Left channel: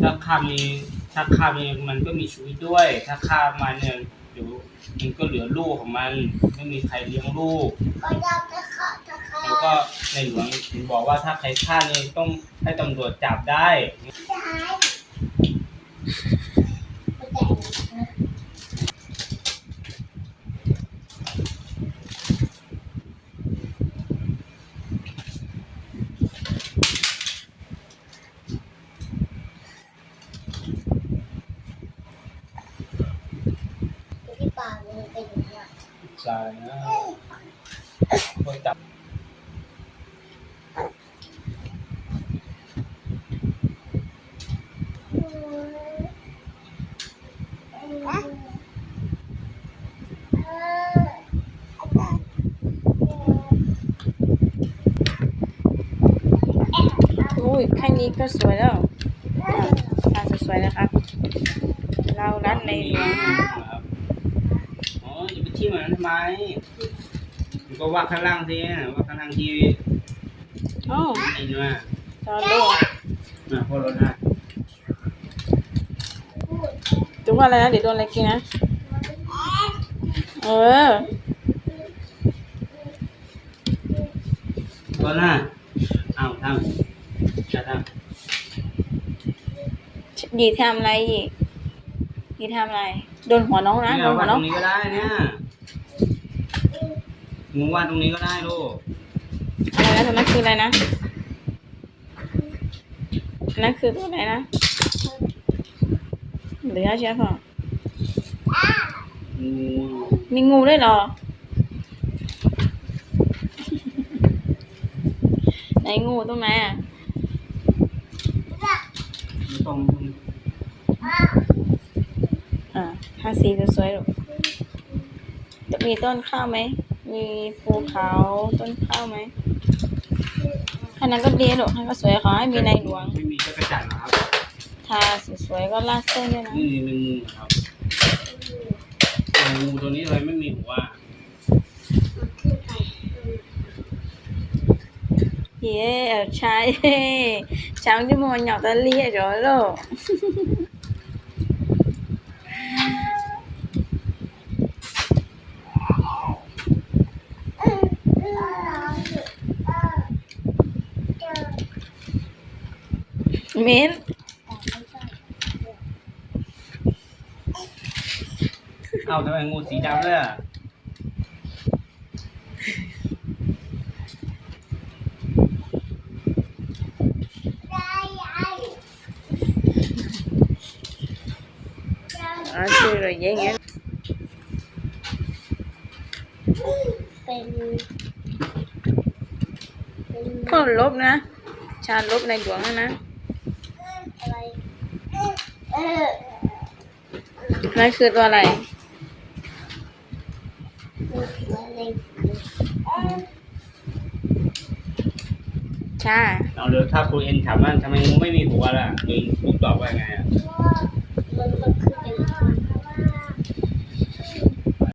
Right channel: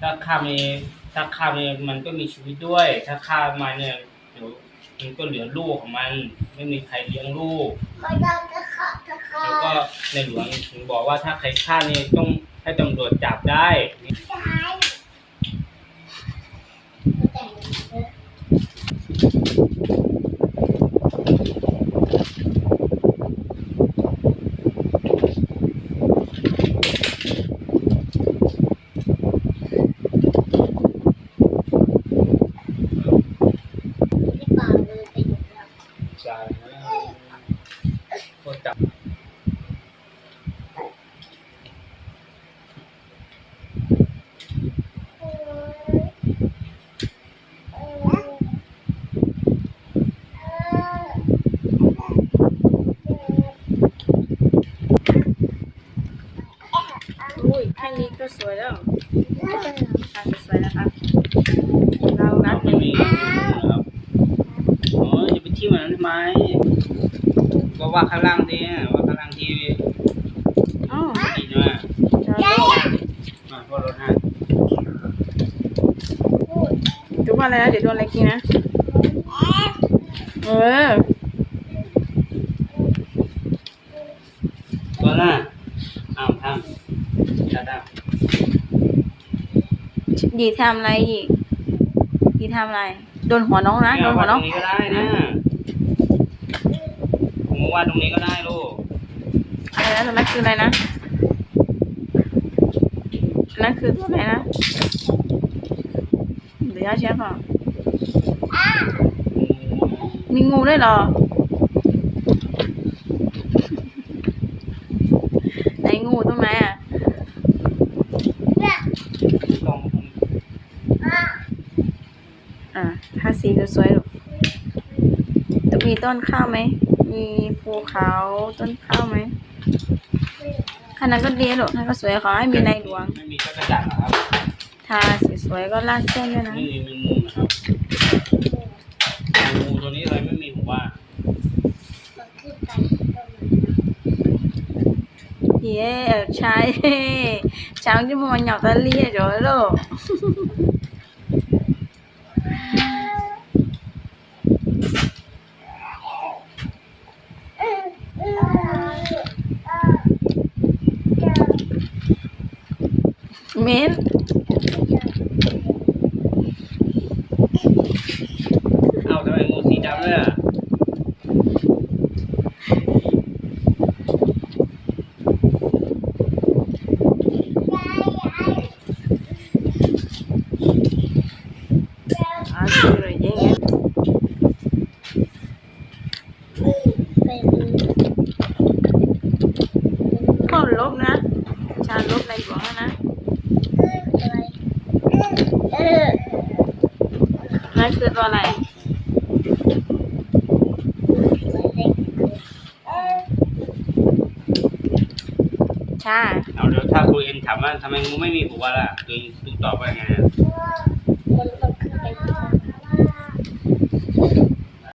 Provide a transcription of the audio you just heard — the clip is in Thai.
ถ้าฆ่ามีถ้าฆ่ามีมันก็มีชีวิตด้วย ถ้าฆ่ามาเนี่ยเดี๋ยวมันก็เหลือลูกของมัน ไม่มีใครเลี้ยงลูก ก็ยากจะฆ่าจะฆ่าแล้วก็ในหลวงถึงบอกว่าถ้าใครฆ่านี่ต้องให้ตำรวจจับได้จะหายมันแต่งนะ ที่ป่าเลยเป็นอย่างนี้ ใช่นะคนจับอุ้ยแค่นี้ก็สวยแล้วอะสวยๆนะคะ เรารัดในมีน อย่าไปที่มันนั้นทำไมก็ว่าข้างล่างดิว่าข้างล่างที่อ๋อดีนะจอโลกมาพ่อรถนะจุ๊ว่าอะไรนะเดี๋ยวโดนอะไรกินนะ เออ ก็น่ะอ้าวทำจะทำดีทำอะไรอีก ดีทำอะไร โดนหัวน้องนะเนี่โดยนหัวาวดตน้รองงนี้ก็ได้นะ ผมวาดตรงนี้ก็ได้ลูก อะไรนะตรงนั้นคืออะไรนะอันนั้นคือตัวอะไรนะเหลือใช่ะอืมมีงูด้วยเหรอ ไหนงูตรงไหนอะ กล่องอ่าทาสีสวยๆลูกจะมีต้นข้าวไหม มีภูเขาต้นข้าวไหมขนาดก็ดีลูกขนาดก็สวยขอให้มีในหลวง ไม่มีจักรจันทร์เหรอครับทาสีสวยก็ลาดเส้นด้วยนะ นี่มีงูนะครับงูตัวนี้อะไรไม่มีผมว่ามันขึ้นไปตรงนี้เย้ใช่ cháu chứ mà nhỏ ta lia rồi đó เม้นเอาทำไมงูสีดำเลยอะ à chị rồi dễ nghe เป็น có lốp nữa cha lốp này của nó nè อะไร เออ này คือตัวอะไรตัวเล็กเออชาเอาเดี๋ยวถ้าครูเอ็นถามว่าทำไมงูไม่มีหัวล่ะคือลูกตอบว่าไงอะมันมันขึ้นไป